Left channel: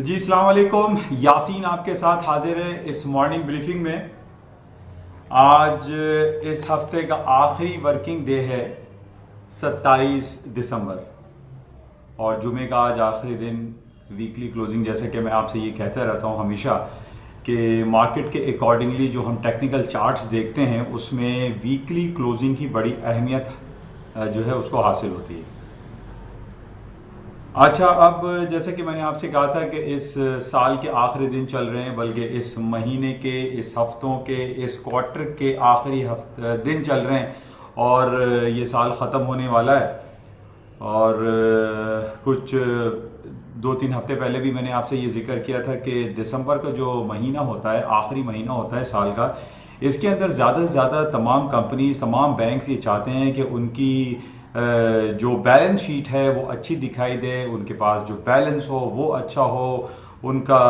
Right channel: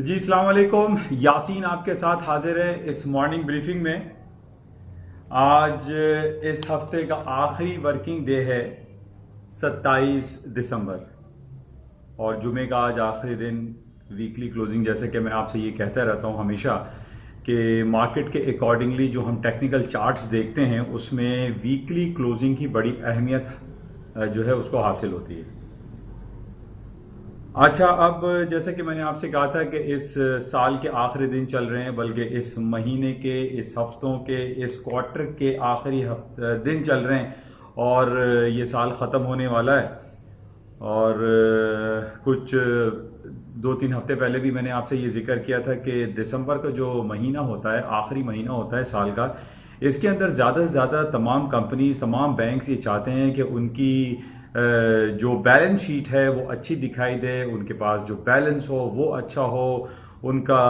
जी अस्सलाम वालेकुम। यासीन आपके साथ हाजिर है इस मॉर्निंग ब्रीफिंग में। आज इस हफ्ते का आखिरी वर्किंग डे है 27 दिसंबर और जुमे का आज आखिरी दिन, वीकली क्लोजिंग। जैसे कि मैं आपसे ये कहता रहता हूँ हमेशा कि मार्केट के अकॉर्डिंगली जो हम टेक्निकल चार्ट्स देखते हैं उसमें वीकली क्लोजिंग की बड़ी अहमियत जो है उसको हासिल होती है। अच्छा, अब जैसे कि मैंने आपसे कहा था कि इस साल के आखिरी दिन चल रहे हैं, बल्कि इस महीने के, इस हफ्तों के, इस क्वार्टर के आखिरी दिन चल रहे हैं और ये साल ख़त्म होने वाला है। और कुछ 2-3 हफ्ते पहले भी मैंने आपसे ये जिक्र किया था कि दिसंबर का जो महीना होता है, आखिरी महीना होता है साल का, इसके अंदर ज़्यादा से ज़्यादा तमाम कंपनीज, तमाम बैंक्स ये चाहते हैं कि उनकी जो बैलेंस शीट है वो अच्छी दिखाई दे, उनके पास जो बैलेंस हो वो अच्छा हो, उनका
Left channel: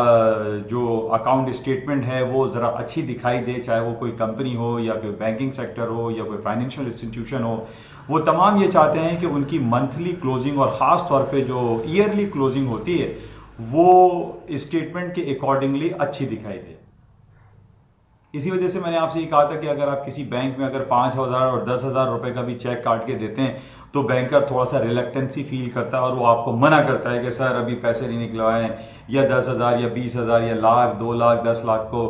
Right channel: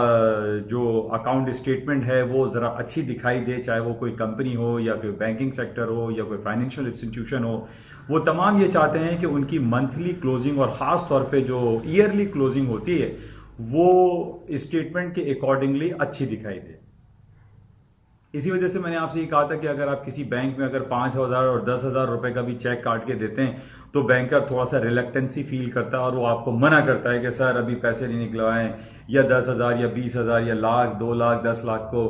जो अकाउंट स्टेटमेंट है वो ज़रा अच्छी दिखाई दे, चाहे वो कोई कंपनी हो या कोई बैंकिंग सेक्टर हो या कोई फाइनेंशियल इंस्टीट्यूशन हो। वो तमाम ये चाहते हैं कि उनकी मंथली क्लोजिंग और ख़ास तौर पे जो ईयरली क्लोजिंग होती है वो स्टेटमेंट के अकॉर्डिंगली अच्छी दिखाई दे। इसी वजह से मैंने आपसे ये कहा था कि अगर आप किसी बैंक में अगर 5,000 और 10,000 रुपए का भी चेक काट के देते हैं तो बैंकर थोड़ा सा रिलक्टेंसी फील करता है और वो आपको मना करता है कि सर अभी पैसे नहीं निकलवाएं, या 10,000 या 20,000 या लाख, 2 लाख, 10 लाख को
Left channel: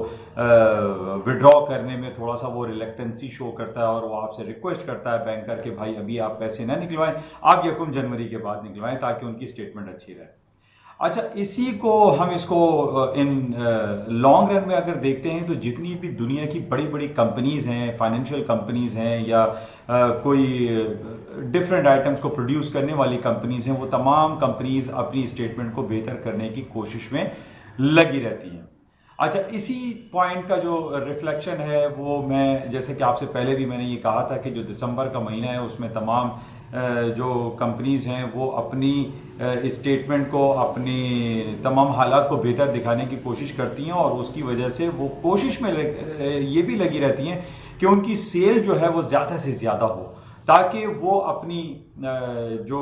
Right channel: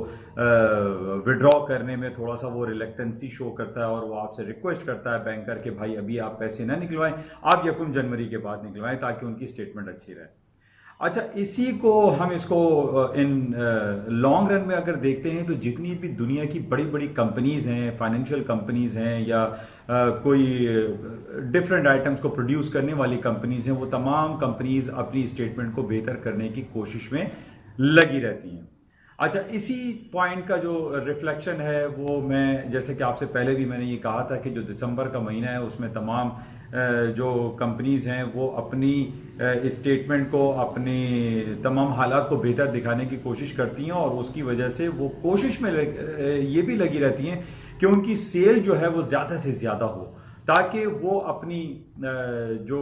विड्रॉ करने में थोड़ा सा वो रिलक्टेंसी शो करता है और वो आपसे रिक्वेस्ट करता है बैंकर कि भाई अभी आप पैसे ना निकलवाएं, आप 1 जनवरी के बाद निकलवाएं ताकि उनकी स्टेटमेंट अच्छी रहे। अच्छा, इसी को हम इसको इन लॉन्ग रन में अगर देखते हैं तो जितनी भी दुनिया की बड़ी बड़ी कंपनीज हैं, फाइनेंशियल कंपनीज हैं या कोई डिफरेंट आइटम्स को प्रोड्यूस करने वाली कंपनीज हैं, वो तमाम कंपनीज अपनी स्टेटमेंट को बेहतर करने की कोशिश में लगी रहती हैं। अच्छा, इसी पॉइंट का जो रिफ्लेक्शन है वो मैं, जैसे कि आपसे पहले भी मैंने ये कहा था कि जो दिसंबर का महीना है उसमें तमाम जो कंपनीज हैं वो अपनी स्टेटमेंट को, अपनी तमाम हालात को बेहतर दिखाने की कोशिश करती हैं और उसकी वजह से वो कोशिश में ये भी लगी रहती हैं कि उनकी सेल जो है वो ज़्यादा से ज़्यादा हो, ताकि वो अपनी जो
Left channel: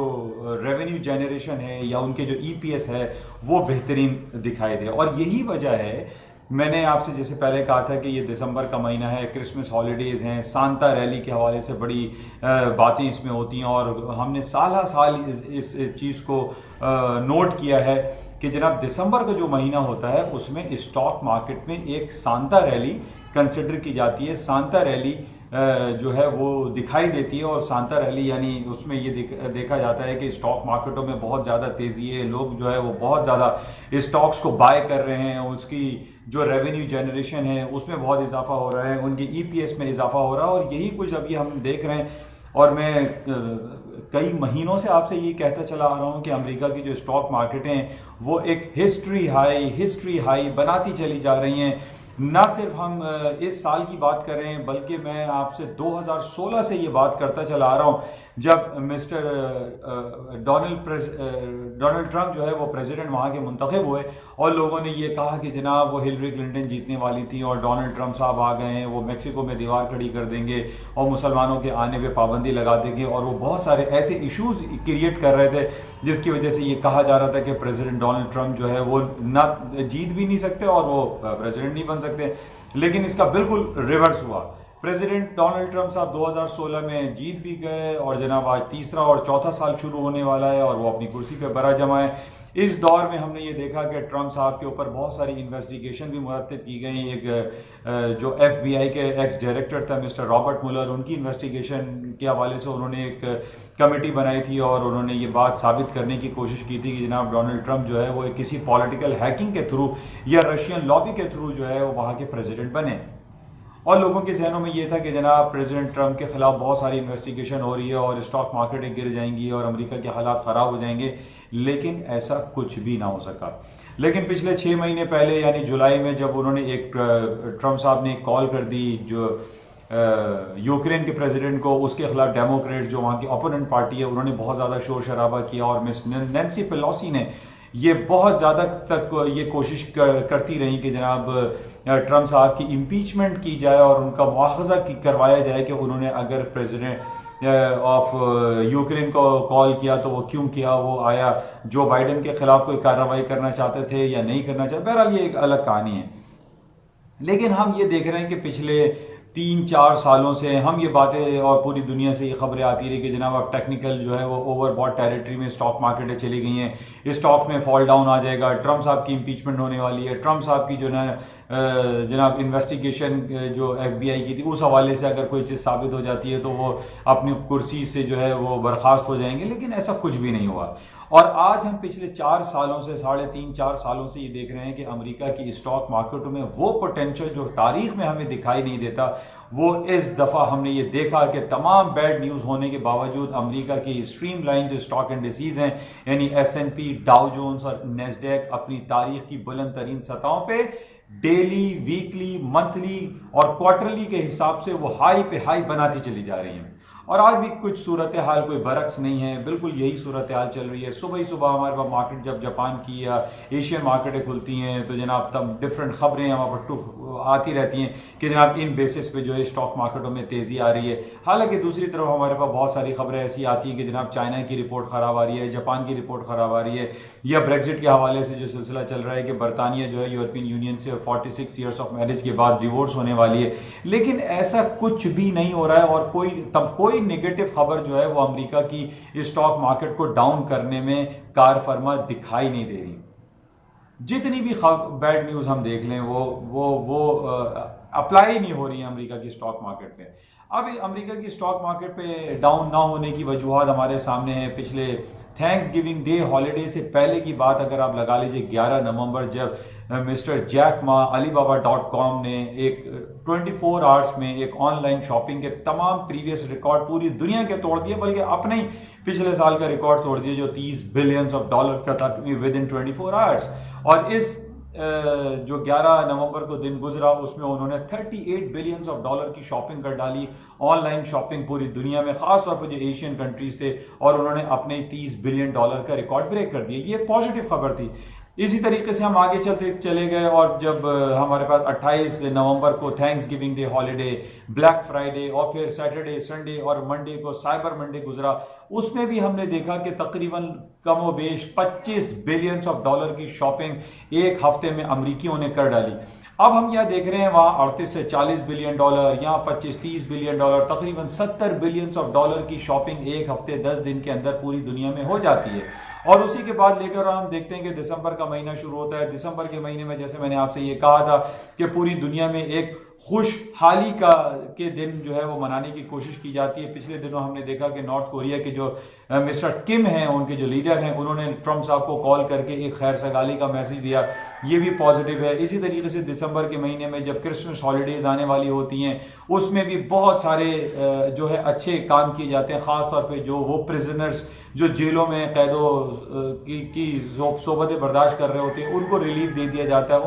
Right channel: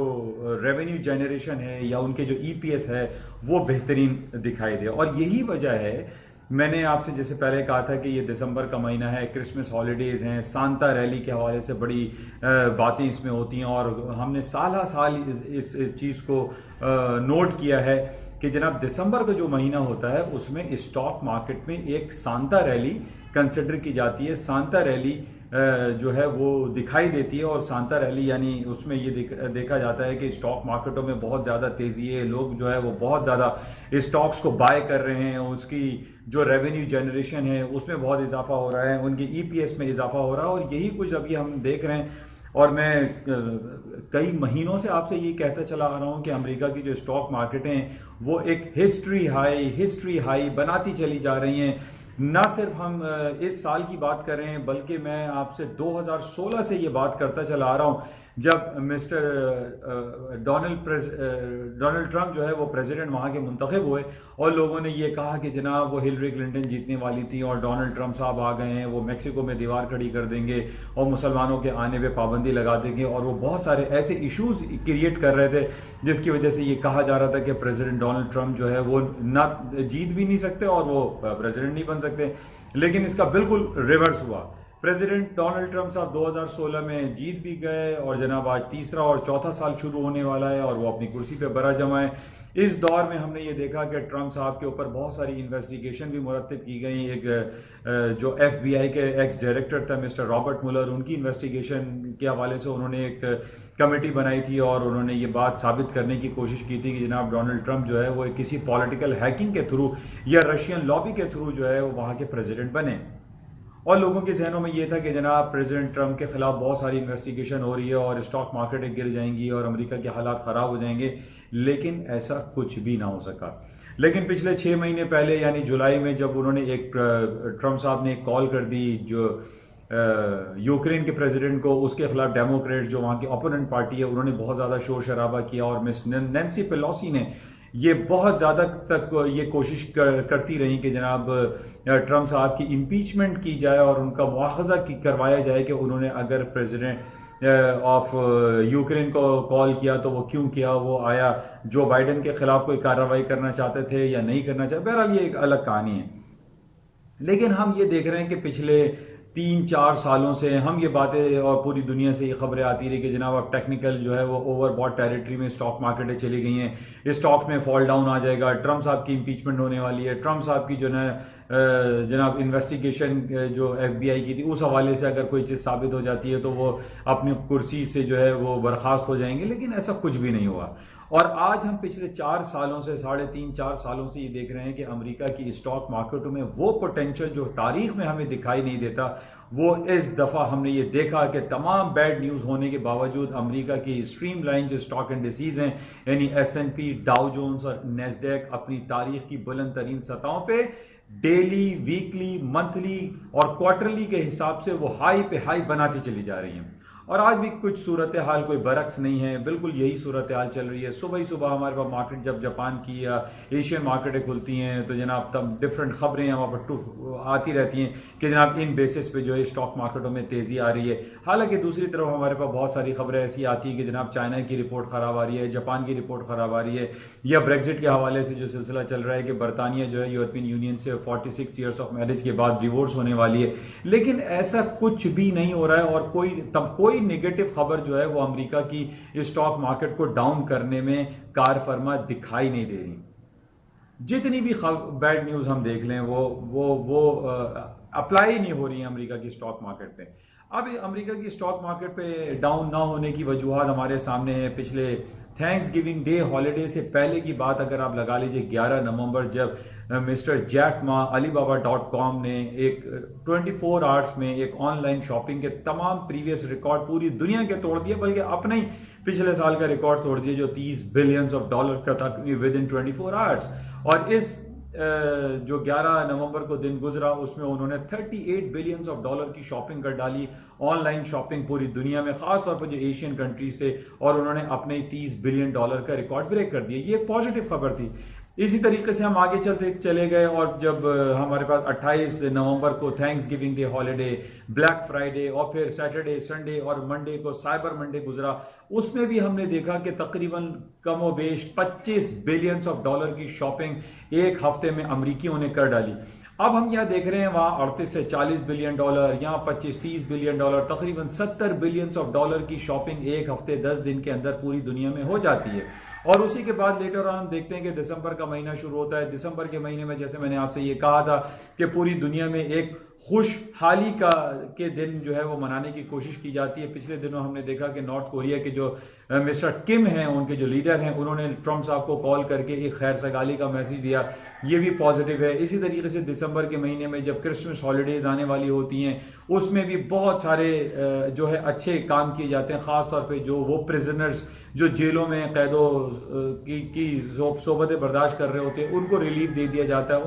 रेवेन्यू जनरेशन है या उनके जो ईपीएस है वो बेहतरीन दिखाई दे। और यही वजह है, मैंने आपसे जैसे पहले कहा था कि ये दिसंबर का महीना है, क्रिसमस हॉलीडेज हैं, सांता रैली के हवाले से बड़ी बातें इसमें होती हैं और हमने साल साल इस चीज़ को नोट किया है कि जनाब दिसंबर का जो महीना होता है उसमें स्टॉक मार्केट में एक सांता रैली कंसिडर की जाती है। सांता रैली जो है वो दिखाई देती है और सांता रैली यानी उसमें ये देखा जाता है कि स्टॉक मार्केटों में बहुत ज़्यादा तेज़ी है, लोग जो है वो बहुत ज़्यादा स्टॉक्स को बाय कर रहे हैं, उसकी जो रेवेन्यू जनरेशन है उसमें बहुत इजाफा हो रहा है, उनके ईपीएस में इजाफा हो रहा है और यही कुछ अभी हम देख रहे हैं। और मैं कई महीनों से आपसे ये कहता चला आ रहा हूँ कि अमेरिका की जो स्टॉक मार्केटें हैं वो एक हिस्ट्री हाई बनाती चली जा रही हैं। ना सिर्फ हम इस साल की बात कर रहे हैं बल्कि मैं आपसे 2016 से ये बात करता चला आ रहा हूँ, जब मिस्टर डोनाल्ड ट्रंप जो है वो प्रेसिडेंट वहाँ के मुंतखब हुए और लोगों ने ये कहा कि जनाब वो हिलरी क्लिंटन जीतने वाली थी और डोनाल्ड ट्रंप साहब आ गए हैं, वो मेक्सिको में दीवार खड़ी कर देंगे और मुसलमानों के आने पे पाबंदी लगा देंगे, और वो बहुत सारे ऐसे इश्यूज क्रिएट कर रहे थे जिसकी वजह से ये कहा जा रहा था कि प्रेसिडेंट डोनाल्ड ट्रंप जो है वो ना जीत भी नहीं सकते और वो प्रेसिडेंट नहीं बन सकते। लेकिन इसका बिल्कुल रिवर्स हुआ। प्रेसिडेंट डोनाल्ड ट्रंप साहब 2016 में जीत भी गए और जनाब आज तीसरा और चौथा साल शुरू होने वाला है और वो अपनी कुर्सी पे बरा जमा है। इस दौर में हमने ये देखा कि ट्रंप साहब के ऊपर बहुत सारी इन्वेस्टिगेशन भी मुरतब की गई। एक जो एफबीआई के एक्स डायरेक्टर था मिस्टर रॉबर्ट मुलर, उनकी इन्वेस्टिगेशन के हवाले से उन्होंने एक कमेटी बनाई थी और उन्होंने ये बात साबित करने की कोशिश की थी कि जनाब डोनाल्ड ट्रंप जो है वो किसी पॉलिटिकल हैकिंग के थ्रू या रशियन लॉबी के थ्रू जो है वो वहाँ के प्रेसिडेंट बने। और लोगों के जहनों में ये था कि जनाब प्रेसिडेंट ट्रंप के खिलाफ बहुत सारी इन्वेस्टिगेशन हो रही है और स्टॉक मार्केटें गिर जाएंगी और अमेरिका के हालात खराब हो जाएंगे, लेकिन ऐसा कुछ भी ना हो सका। लेकिन पिछले 6 महीने पहले यानी जुलाई में जब उन्होंने ट्रंप साहब ने एक कॉल कर दी जो यूक्रेन के प्रेसिडेंट को, उसके खिलाफ डेमोक्रेट जो वहाँ की ओपोनेंट पार्टी है उन्होंने बहुत ज़्यादा शोर शराबा किया और मिस नैन्सी पेलोसी ने ये बहुत ज़्यादा तक ये कोशिश करती रही कि जनाब ट्रंप साहब की इम्पीचमेंट की जाए और उनका मुआखजा करवाया जाए कि उन्होंने अगर प्रेसिडेंट ऑफ यूक्रेन को कॉल किया, तो वो क्यों किया, वो आया जो बाइडेन के खिलाफ कोई कार्रवाई करना चाहते थे या नहीं करना चाहते, बहरहाल ये एक अलग कहानी है। लेकिन हम ये देख रहे हैं कि पिछले 3-4 सालों से हम ये बातें और पूरी दुनिया से ये खबरें आती रही कि जनाब अब टेक्निकल जो है वो ओवरबॉट टेरिटरी में स्टॉक मार्केटें चली गई हैं, स्टॉक में फॉल डाउन आ जाएगा, ट्रम्प साहब की इंपीचमेंट होने वाली है, ट्रम्प साहब की जो है जनाब इन्वेस्टिगेशन जो FBI की थी उस हवाले से अगर कोई चीज़ साबित हो जाती है तो वो अपनी कुर्सी से जो है वो बर्खास्त हो जाएंगे। लेकिन ऐसा कुछ भी नहीं हुआ। और आज हम पिछले 4 सालों से 3.5-4 सालों से ये देख रहे हैं कि अमेरिका की स्टॉक मार्केटों में वो पोटेंशियल जो तारीख में हमें दिखाई नहीं देता, वो इस दफा हमने ये देखा कि तमाम बैड न्यूज होने के बावजूद अमेरिका की स्ट्रीमलाइन जो स्टॉक इंडिसेज हैं यानी S&P, डाउ जोन्स और नेस्डैक अपनी तारीख की बुलंद तरीन सतहों पे डेली, वीकली, मंथली और क्वार्टरली के हिसाब से वो हाई पे हाई बनाती चली जा रही हैं। और आज भी कुछ सूरत हाल कोई बरक्स नहीं है, बिल्कुल यही सूरत हाल चल रही है। सुबह ही सुबह हमारे पास मार्केट जब जापान की या एशियन मार्केटें खुलती हैं तो जनाब तब डिफरेंट खबरें हमारे पर आती रहती हैं कि जनाब इन बेसिस पे जो है स्टॉक मार्केटों में तेजी आ रही है। हालांकि दूसरी तरफ हमारे पास बहुत सारी खबरें ऐसी आती हैं कि जनाब चाइना की रिपोर्ट खराब आ रही है, जापान की रिपोर्ट खराब आ रही है, या ब्रेग्जिट के हवाले से जो सिलसिला चल रहा है कि बरतानिया जो है यूरोपियन यूनियन से 46 ईयर्स ऑफ मैरिज के बाद डिवोर्स होने वाली है। लेकिन ऐसा कुछ भी नहीं हो रहा है और कोई नेगेटिव खबर जो है वो अमेरिका की स्टॉक मार्केट को डाउन करने में कारफरमा दिखाई नहीं दे रही। जितनी भी बैड न्यूज हम देख लें वो अप्लाई नहीं हो रही है अमेरिका की स्टॉक मार्केट पे। अब अमेरिका की स्टॉक मार्केट पे डाउन ना होने की वजूहत हमारे सामने है। पिछले थैंक्स गिविंग डे हॉलीडे से पहले की बात अगर आप लगा लीजिए, 11 नवंबर जब मिस्टर जैक मा Alibaba.com ने एक 24 आवर्स में एक ऑनलाइन शॉपिंग के तमाम प्रीवियस रिकॉर्ड पूरी दुनिया के तोड़ दिए, बल्कि अपने ही पिछले साल का रिकॉर्ड तोड़ दिया जो $30 बिलियन का था विद इन 24 आवर्स। और इस जो 11 नवंबर को दिन गुजरा उसमें उन्होंने $38 बिलियन की शॉपिंग कर डाली, ऑनलाइन शॉपिंग पूरी दुनिया में, खासतौर पर जो एशियन कंट्रीज थे, और उन्होंने अपने $30 बिलियन का रिकॉर्ड ब्रेक कर दिया। ये एक पॉजिटिव खबर थी। इसी तरीके से हम आगे चले गए और जब हमारे पास 28 नवंबर को thanks giving day holiday, black Friday और फिर सैटरडे, संडे और मंडे को साइबर मंडे गुजरा, उसमें भी हमने देखा कि तकरीबन कमोबेश $25 बिलियन की शॉपिंग एक हफ्ते में अमरीकियों ने कर डाली। अब हम यहाँ देख रहे हैं वहां 38 से $40 बिलियन, यहाँ 25-30 बिलियन, तकरीबन $70 बिलियन की शॉपिंग एक हफ्ते 10 दिन के अंदर पूरी दुनिया में हो जाती है। और उसी के बाद लेटर ऑन हम देखते हैं कि दिसंबर का महीना शुरू होता है। दिसंबर के महीने में जैसे मैंने आपसे ये कहा था कि पूरी दुनिया में एक खुशहाली के दिन जो है वो मनाने की कोशिश की जाती है। पिछले दिनों हमने देखा कि नॉर्थ कोरिया के जो मिस्टर किम हैं, उनके जो लीडर हैं, उन्होंने ट्रम्प साहब को कॉल करके एक खैर सगाली का मैसेज दिया, ये भी पॉजिटिव है। इसी तरीके से दिसंबर के महीने में जब क्रिसमस हॉलीडेज आने वाली होती हैं उसमें भी बहुत सारे जो है अच्छे काम किए जाते हैं, खासतौर पर जो वो प्रिजनर्स जो जेलों में कैदों की सोबतें बर्दाश्त कर रहे होते हैं उनको रिलीफ दे दिया जाता है,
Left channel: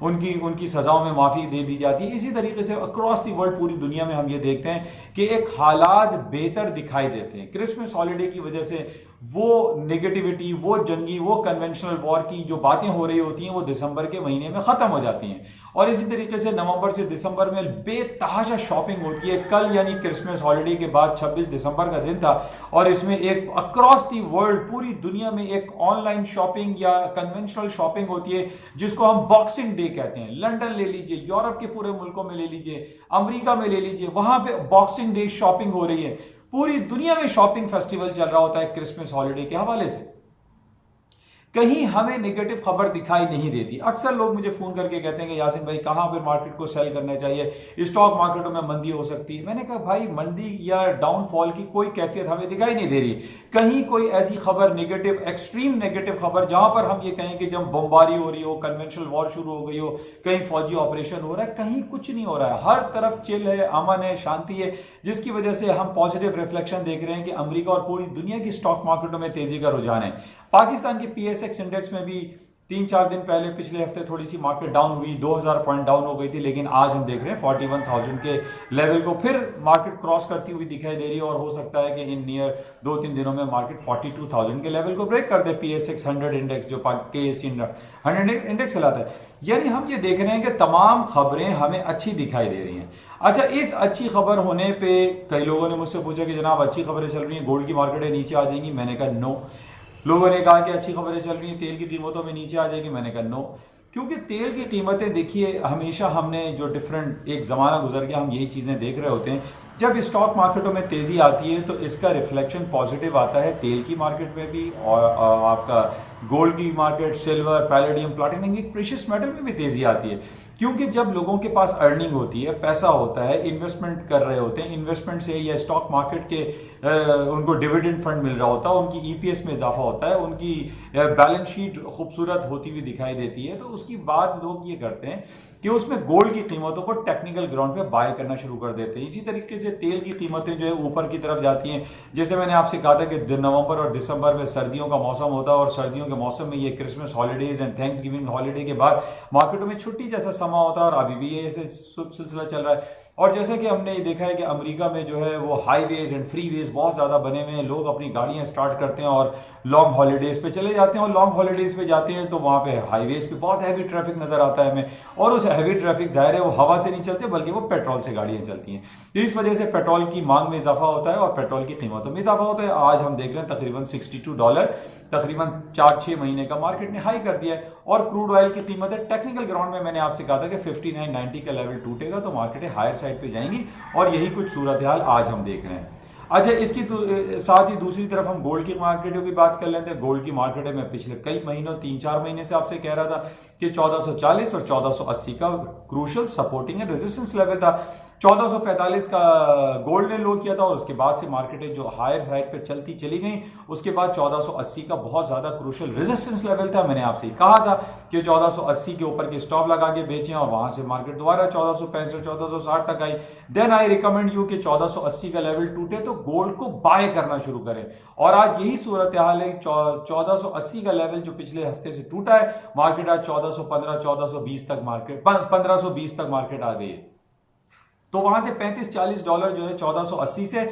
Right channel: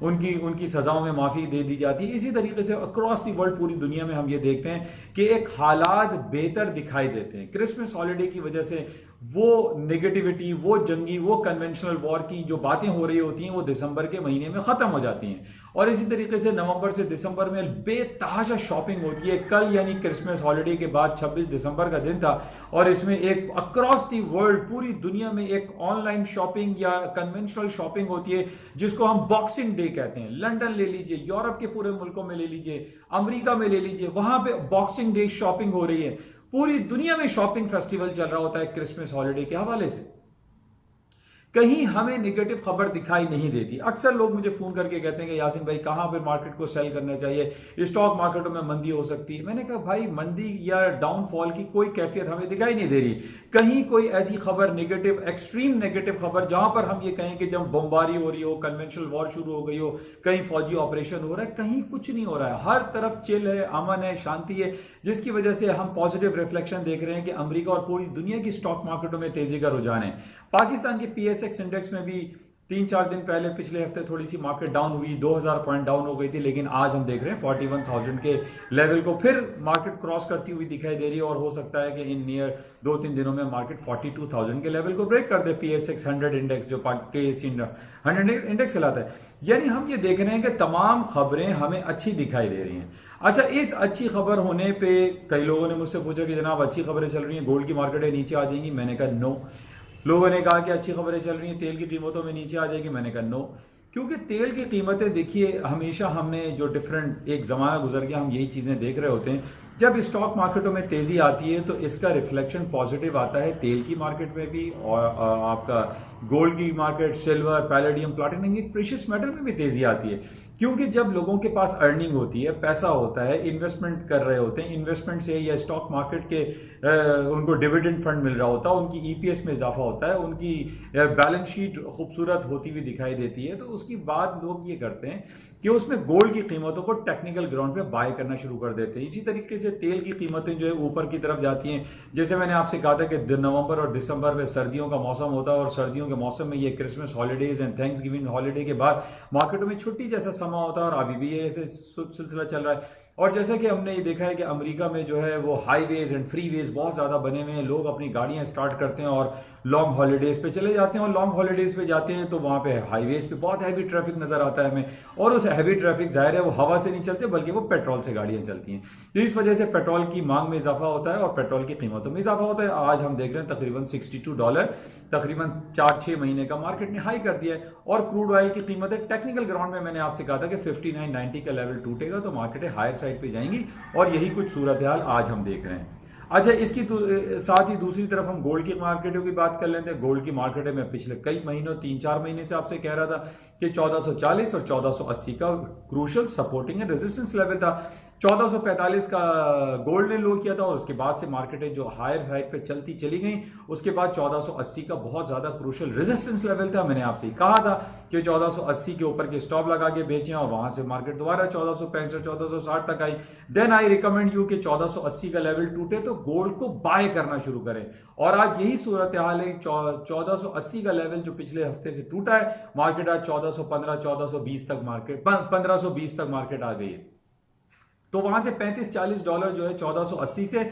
उनकी सजाओं में माफी दे दी जाती है। इसी तरीके से अक्रॉस द वर्ल्ड पूरी दुनिया में हम ये देखते हैं कि एक हालात बेहतर दिखाई देते हैं। क्रिसमस हॉलीडे की वजह से वो नेगेटिविटी, वो जंगी, वो कन्वेंशनल वॉर की जो बातें हो रही होती हैं वो दिसंबर के महीने में खत्म हो जाती हैं। और इसी तरीके से नवंबर से दिसंबर में बेतहाशा शॉपिंग होती है। कल यानी क्रिसमस हॉलीडे के बाद 26 दिसंबर का दिन था और इसमें एक अक्रॉस दी वर्ल्ड पूरी दुनिया में एक ऑनलाइन शॉपिंग या कन्वेंशनल शॉपिंग होती है जिसको हम बॉक्सिंग डे कहते हैं। लंदन ले लीजिए, यूरोप के पूरे मुल्कों में ले लीजिए, अमेरिका में ले लीजिए, वहां पे बॉक्सिंग डे शॉपिंग हो रही है। पूरी दुनिया में शॉपिंग फेस्टिवल चल रहा होता है क्रिसमस हॉलीडे के हवाले से। कहीं हमें नेगेटिव खबर दिखाई नहीं देती। अक्सर लोग मुझे फोन करके कहते हैं कि यासिन भाई कहां पर मार्केट को सेल करना चाहिए, स्टॉक मार्केटों में मंदी हो सकती है। मैंने कहा भाई मंदी या डाउनफॉल की कोई कैफियत हमें दिखाई नहीं दे रही। कहीं कोई ऐसी खबर नेगेटिव, एक्सट्रीम नेगेटिव खबर जहां पर हम ये कहें कि जब बमबारी हो रही हो, कन्वेंशनल वॉर शुरू हो गई हो, कहीं फौजी ऑपरेशन हो रहा है, कहीं कुछ नहीं हो रहा है। हर तरफ चिल है, अमन है, शांति है, जिसकी वजह से हम पॉजिटिव रिफ्लेक्शन देख रहे हैं कि अमेरिका और पूरी दुनिया की स्टॉक मार्केटों में तेजी का रुझान है। पाकिस्तान की PSX इंडेक्स में भी 3-4 दिन पहले पिछले हफ्ते थोड़ी सी मार्केट डाउन हुई, 2000 पॉइंट डाउन हो गई थी, लेकिन आज हम देख रहे हैं 41,000 के लेवल को फिर मार्केट क्रॉस करती हुई दिखाई दे रही है और हो सकता है कि इन नियर 2-3 दिनों में मार्केट 42,000 के लेवल को ब्रेक कर दे। PSX 100 इंडेक्स जो KSC 100 इंडेक्स कहलाता है। यानी हम ये देख रहे हैं कि तमाम खबरें हमें अच्छी दिखाई दे रही हैं। अच्छा, इस अच्छी खबर होने पे कई लोगों ने मुझसे पूछा कि जनाब अच्छी खबरें चल रही हैं, गोल्ड की मार्केटें नीचे आ जाएंगी। मैंने कहा नो। लोगों ने कहा कि अच्छी खबरें चल रही हैं, तेल की कीमतों में नीचे आ जाएगी। मैंने कहा नो, क्योंकि तेल की कीमतें देखिए, हमेशा हमने जो डिफरेंट एक ज़माना गुजर गया, हम यही चीज़ें देख रहे होते हैं। जब स्टॉक मार्केटों में तेज़ी आती है तो इसका रिफ्लेक्शन पॉजिटिव आता है तेल की मार्केट में भी, और आपका गोल्ड की market, silver, palladium, platinum, precious metal में भी तेज़ी आती है। क्योंकि जब लोगों के पास अर्निंग होती है, पैसा होता है, इन्वेस्टमेंट कर रहे होते हैं, इन्वेस्टमेंट से या स्टॉक मार्केट के उनको डिविडेंड फंड मिल रहा होता है, उनकी ईपीएस में इजाफा होता है, उनकी बैलेंस शीट खूबसूरत होती हुई दिखाई देती है, तो उसकी बात लोग ये करते हैं कि उसमें गोल्ड की कीमतों को टेक्निकल ग्राउंड पे बाय करना शुरू कर देते हैं। इसी तरीके से तेल की कीमतें जो है ऊपर की तरफ जाती हैं। जैसे मैंने आपसे कहा था कि नवंबर और दिसंबर में सर्दियों का मौसम होता है, और सर्दियों के मौसम में ये Christmas holidays and thanks giving holiday के बाद मार्केटों में छुट्टी जैसा समा होता है, और अभी भी ये सिलसिला चल रहा है। और जैसा कि हमने ये देखा है कि अमेरिका में जो है वो हाईवेज एंड फ्रीवेज बहुत ज्यादा बने हुए हैं, लोग अपनी गाड़ियां स्टार्ट करते हैं और लॉन्ग हॉलीडेज पे चले जाते हैं, और लॉन्ग हॉलीडेज पे जाते हैं तो वहां पे हाईवेज पे बहुत हैवी ट्रैफिक नजर आता है हमें, और उस हैवी ट्रैफिक जाहिर है वो हवा से नहीं चलते बल्कि वो पेट्रोल से गाड़ियां चलती हैं। तो इस वजह से पेट्रोल की मांग में इजाफा होता है और पेट्रोल की कीमतों में इजाफा होता है। आज हम देख रहे हैं तकरीबन $62, तकरीबन 4-6 महीने का मार्केट ने हाई कर दिया है। और क्रूड ऑयल की कीमतें टेक्निकल ग्राउंड में मैंने आपसे कहा था कि 59.90 का लेवल टूटेगा तो मार्केटें हायर साइड पे जाएंगी, और यही कुछ सूरत हाल आज हम देख रहे हैं। अच्छा, इसकी साथ ही दूसरी तरफ हम गोल्ड की मार्केटों की बात कर लेते हैं। गोल्ड की मार्केट में पिछले कई महीनों 3-4 महीने से आपसे कह रहा था कि 1440 और 1480 का crucial supporting and resistance level था। 1445 का गोल्ड ने लो किया था, और उसके बाद से मार्केटें जो हायर हाइट पे चलती चली गई। उसके बाद 1480 का बहुत ज्यादा क्रूशियल रेजिस्टेंस लेवल था। मैंने आपसे कहा था कि 1480 के ऊपर के स्टॉप लगा के बेचें, और वहां से मार्केट दोबारा 1465 1460 तक आई। देन आई रिकमेंड यू कि 1480 का लेवल टूटे तो गोल्ड को बाय करना शुरू करें, और आज यही सूरत हाल है। 1480 का लेवल जो पिछले हफ्ते से टूटा है, मार्केट आज 1415 1420 तक मार्केट 1520 तक मार्केट आ गई है। तो वहां से $35-40 जो है 1480 से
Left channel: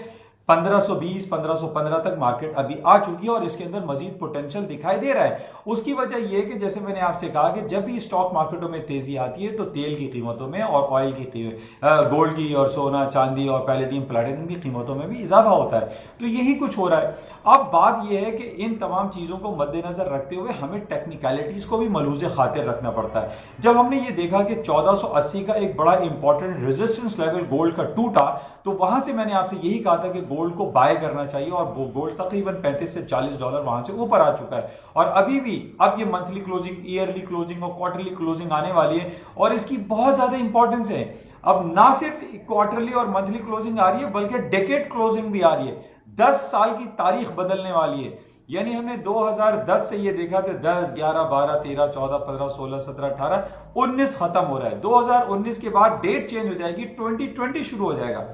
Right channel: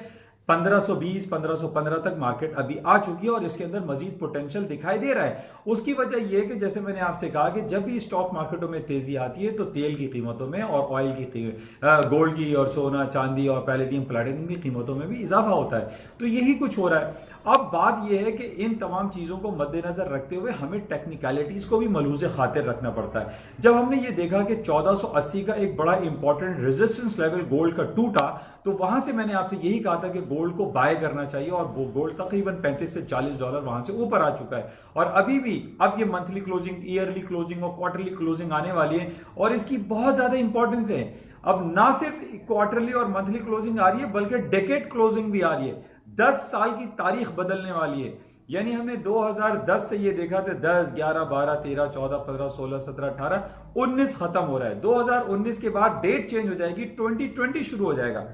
1520 1515 तक मार्केट अभी आ चुकी है, और इसके अंदर मजीद पोटेंशियल दिखाई दे रहा है। उसकी वजह यह कि जैसे मैंने आपसे कहा कि जब भी स्टॉक मार्केटों में तेजी आती है तो तेल की कीमतों में और ऑयल की गोल्ड की और सोना चांदी और पैलेडियम प्लैटिनम की कीमतों में भी इजाफा होता है। तो यही कुछ हो रहा है। अब बात यह है कि इन तमाम चीजों को मद्देनजर रखते हुए हमें टेक्निकलिटीज को भी मलूज़े खातिर रखना पड़ता है। जब हमने ये देखा कि 1480 का एक बड़ा इंपॉर्टेंट रेजिस्टेंस लेवल गोल्ड का टूटा, तो वहां से मैंने आपसे यही कहा था कि गोल्ड को बाय करना चाहिए, और गोल्ड तकरीबन $35-40 वहां से ऊपर आ चुका है। और अभी भी अब ये मंथली क्लोजिंग, ईयरली क्लोजिंग और क्वार्टरली क्लोजिंग आने वाली है, और इसकी बहुत ज्यादा इंपॉर्टेंस है। अब ना सिर्फ क्वार्टरली और मंथली क्लोजिंग आ रही है, बल्कि डेकेड क्लोजिंग भी आ रही है। 10 साल की तारीख बदलने वाली है। यानी हमने 2010 से ये देखा था 10, 11, 12, 13, 14, 15, 16, 17, 18, 19 खत्म हो रहा है। 2019 के बाद डेट चेंज हो जाएगी, 2020 शुरू हो जाएगा।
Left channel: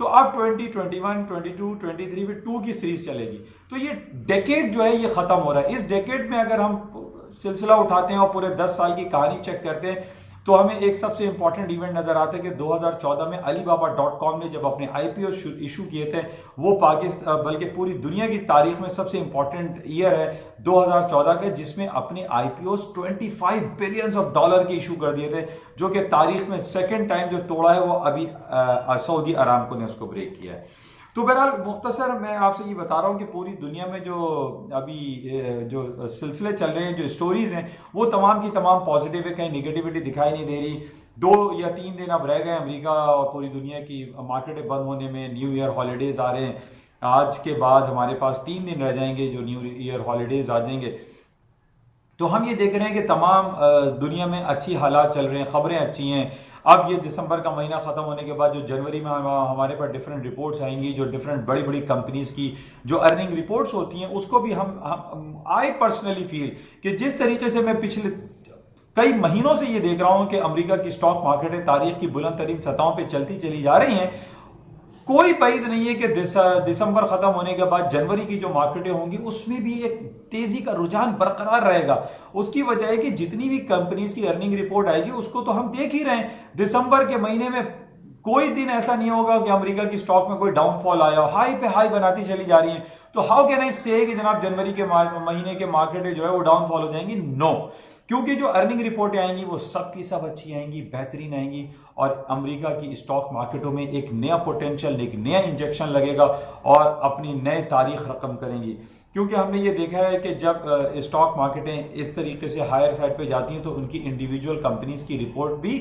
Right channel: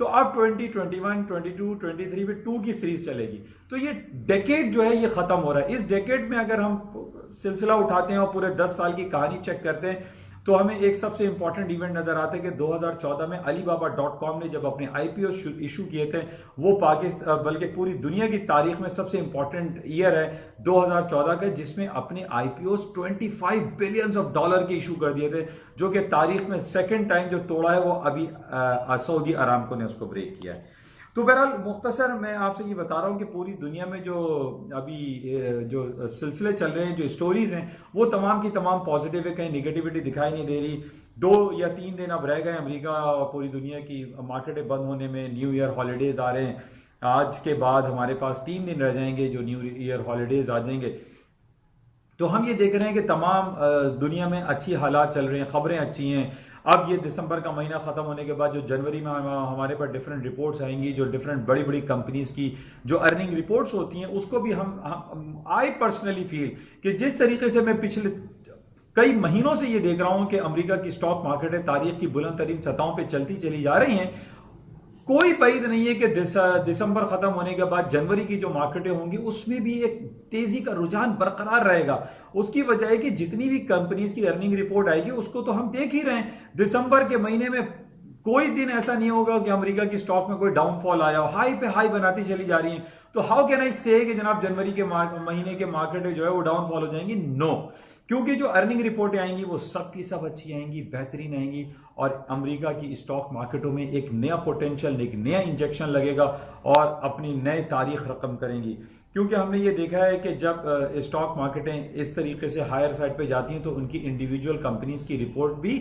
तो अब 2021, 22, 23 में 2 की सीरीज चलेगी। तो ये डेकेड जो है ये खत्म हो रहा है। इस डेकेड में अगर हम सिलसिला उठाते हैं और पूरे 10 साल की कहानी चेक करते हैं, तो हमें एक सबसे इंपॉर्टेंट इवेंट नजर आता है कि 2014 में Alibaba.com ने जब अपने IPO इशू किए थे, वो पाकिस्तान बल्कि पूरी दुनिया की तारीख में सबसे इंपॉर्टेंट ईयर है 2014 का, जिसमें अपने IPOs $25 बिलियन के इशू कर दिए थे, जो कि तारीख में सेकेंड टाइम जो तोड़ा है वो अभी सऊदी अरामको ने उसको ब्रेक किया है। तो बहरहाल मुख्तसर मैं आपसे ये बता रहा हूँ कि पूरी दुनिया में जो अभी जो सिलसिले चल रहे हैं, जो स्टोरीज हैं, वो तमाम की तमाम पॉजिटिव है, कहीं निगेटिविटी दिखाई नहीं दे रही। 2 या 3 दिन अब रह गए अमेरिका और पूरी दुनिया की मार्केटें बंद होने में। न्यू ईयर हॉलीडेज आ रहे हैं, आज के बाद हमारे पास 3 दिन रह जाएंगे जो न्यू ईयर हॉलीडेज आ जाएंगे। तो हम ये देख रहे हैं कि तमाम दुनिया में अच्छी हालात चल रहे हैं, खबरें अच्छी हैं। अब ये दिसंबर का महीना खत्म होने के बाद जो जनवरी में हमारे पास डिफरेंट रिपोर्ट्स आएंगी, जो डिफरेंट बड़ी बड़ी कंपनीज की जो अर्निंग रिपोर्ट्स होती हैं, उसको भी हम आई पर्सनली फील कि जिस तरीके से मैं पिछले कई महीनों से ये देख रहा हूं कि अमेरिका की स्टॉक मार्केटें तारीख की बुलंद तरीन सतहों पर चलती चली जा रही हैं, कोई बैद नहीं है कि दिसंबर खत्म होने के बाद जनवरी की जो मार्केटें होंगी उसमें भी एक तेजी का रुझान बरकरार रहेगा। उसकी वजह है कि जितनी भी कंपनीज की अर्निंग रिपोर्ट आएगी उसको तो हम देख ही रहे हैं। दिसंबर के महीने में कोई दिन ऐसा नहीं होगा कि अमेरिका की स्टॉक में कोई डाउनफॉल आया हो, हाई पे हाई बनाती चली जा रही है। तो हाउ कैन आई से कि जनाब जनवरी के महीने के मार्केटें जो है वो डाउनफॉल हो जाएंगी? नो। क्योंकि जो अर्निंग रिपोर्टें आएंगी वो सब की सब अच्छी आएंगी, बेहतरीन आएंगी और अमेरिका की स्टॉक मार्केटों में एक नया पोटेंशियल, एक नया इंजेक्शन लगेगा और अपनी नए तारीख रकम करेंगी। क्योंकि हमने ये देखा है कि जब स्टॉक मार्केटें इस तरीके से हायर साइड पे जाती हैं तो उनकी इंडिविजुअल कंपनीज की रिपोर्ट भी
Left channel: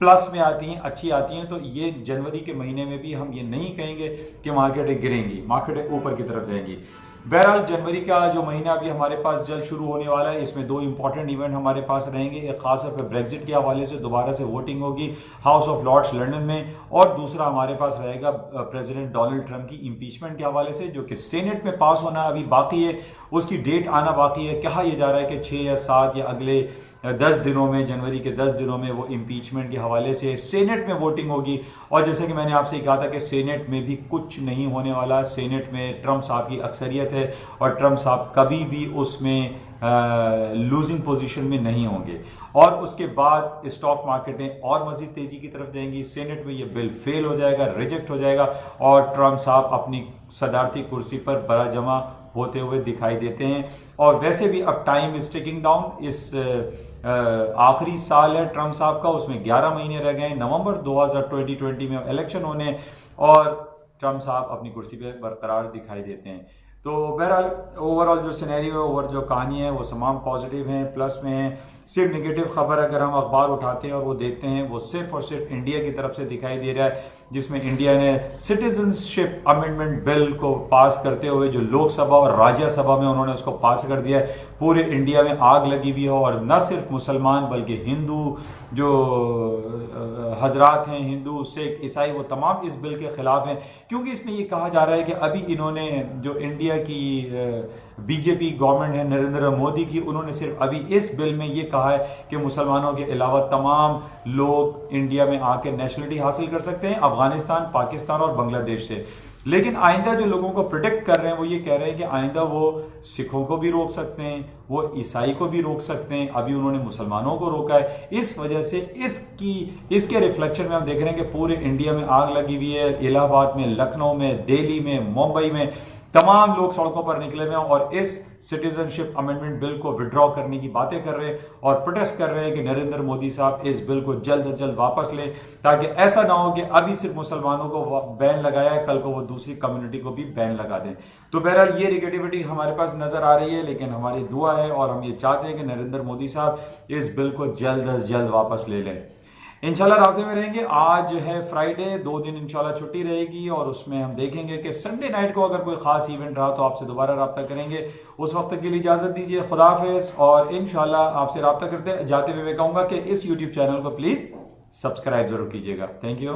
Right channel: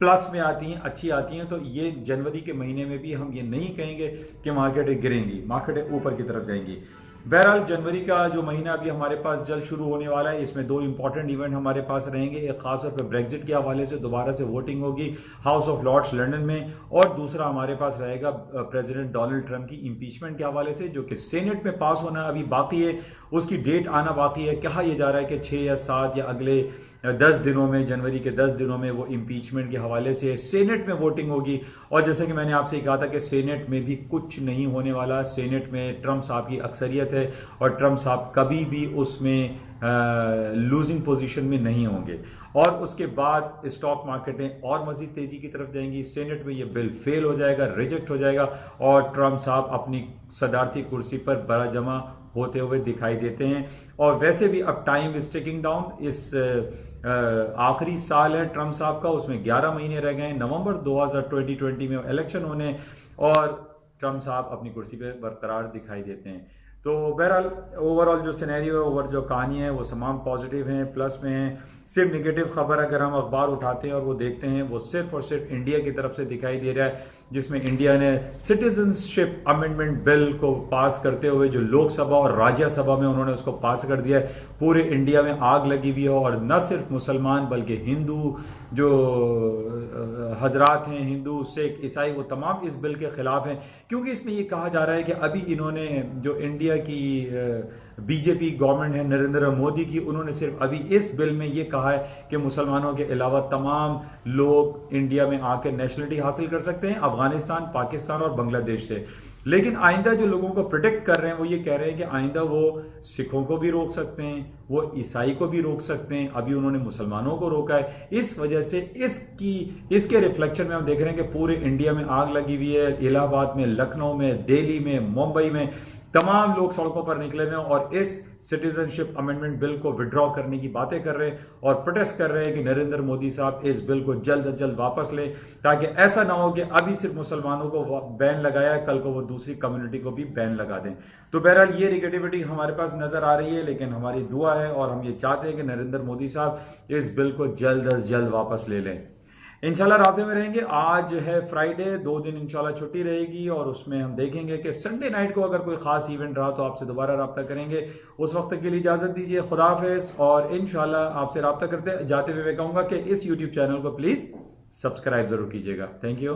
प्लस में आती हैं, अच्छी आती हैं। तो ये जनवरी के महीने में भी हम ये नहीं कहेंगे कि मार्केटें गिरेंगी, मार्केटें ऊपर की तरफ जाएंगी। बहरहाल जनवरी का जो महीना अभी हमारे पास जल्द शुरू होने वाला है, इसमें दो इंपॉर्टेंट इवेंट हमारे पास रहेंगे। एक खासतौर पर ब्रेग्जिट के हवाले से दोबारा से वोटिंग होगी हाउस ऑफ लॉर्ड्स लंदन में, और दूसरा हमारे पास रहेगा प्रेसिडेंट डोनाल्ड ट्रंप की इंपीचमेंट के हवाले से, जो कि सेनेट में पास होना अभी बाकी है, उसकी डेट आना बाकी है। कहा यह जा रहा है कि 6 या 7 या अगले 10 दिनों में, जनवरी के 10 दिनों में वो इंपीचमेंट के हवाले से सेनेट में वोटिंग होगी। और जैसे कि मैंने आपसे कहा था कि सेनेट में भी कुछ नहीं होने वाला। सेनेट में ट्रंप साहब की अक्सरियत है और ट्रंप साहब कभी भी उसमें लूजिंग पोजीशन में नहीं होंगे। और उसके बाद स्टॉक मार्केटें और मजीद तेजी की तरफ जाएंगी। सेनेट में ये बिल फेल हो जाएगा, रिजेक्ट हो जाएगा और ट्रंप साहब अपनी सदारती कुर्सी पर बड़ा जमा होते हुए दिखाई देते हैं। और वैसे भी अब टाइम इज टिकिंग डाउन। इस आखिरी साल है ट्रंप साहब का, उसमें 11 महीने रह गए। नवंबर 2020 में इलेक्शन होने और ट्रंप साहब अपनी कुर्सी पे बरकरार दिखाई देते हैं। तो बहरहाल ओवरऑल जो सिनेरियो है, ओवर जो कहानी है, वो तमाम पॉजिटिव हैं, प्लस में है। सिर्फ नेगेटिव खबर अगर हम अखबार उठाते हैं और वो देखते हैं, वो सिर्फ और सिर्फ इंडिया की तरफ से दिखाई दे रहा है, जिसमें इंडिया ने सिटीजनशिप अमेंडमेंट बिल को पास करते हुए जो लोकसभा और राज्यसभा में उन्होंने उसको पास कर दिया है। पूरे इंडिया में आग लगी हुई हो और न सिर्फ मुसलमान बल्कि हिंदू जो हजरात हैं, हिंदू सिख ईसाई, वो तमाम इस बिल के खिलाफ हैं। क्योंकि इसमें ये कहा जा रहा है कि अभी इन्होंने जो इंडिया की बीजेपी गवर्नमेंट है नरेंद्र मोदी की, उन्होंने सिर्फ अभी इस बिल में ये कहा है कि मुसलमानों के अलावा तमाम लोग इंडिया में आके नेशनलिटी हासिल कर सकते हैं अफगानिस्तान, पाकिस्तान और बांग्लादेश से। लेकिन आइंदा जो लोगों को प्रिडिक्ट कर रहे हैं वो ये कह रहे हैं कि आइंदा वो सिखों को भी रोक सकते हैं, वो ईसाई को भी रोक सकते हैं। अभी उन्होंने मुसलमानों को रोका है। इस वजह से इसके रिफ्लेक्शन में हम देख रहे हैं कि पूरे इंडिया में आग लगी हुई है। इलाहाबाद में, लखनऊ में, दिल्ली में, मुंबई में तमाम लोग सड़कों पर निकले हुए हैं और इस सिटीजनशिप अमेंडमेंट बिल को विड्रॉ करने की बातें कर रहे हैं और प्रोटेस्ट कर रहे हैं कि नरेंद्र मोदी साहब इस बिल को जल्द अज जल्द वापस लें, ताकि ऐसा ना हो कि अभी सिर्फ मुसलमानों को बैन लगाया है, कल को वो दूसरी कम्युनिटी को भी बैन लगा दें। तो बहरहाल ये निगेटिविटी हमारे पास नजर आ रही है, लेकिन हमारी दुआ है और हम ये चाहते हैं कि नरेंद्र मोदी साहब इस बिल को जल्द अज जल्द वापस ले लें। इंशाल्लाह राब्ते में रहेंगे। आज है फ्राइडे, 2 दिन इंशाल्लाह छुट्टी रहेगी और उसमें हम देखेंगे कि संडे नाइट को अगर कोई खास इवेंट रहा तो आपसे दोबारा राब्ता करेंगे। उस वक्त के लिए इजाजत दीजिए, खुदा हाफिज। और इंशाल्लाह आपसे राब्ता करते जाते हुए मैं कहूंगा कि इस यूट्यूब चैनल को प्लीज सब्सक्राइब जरूर कीजिएगा। Thank you.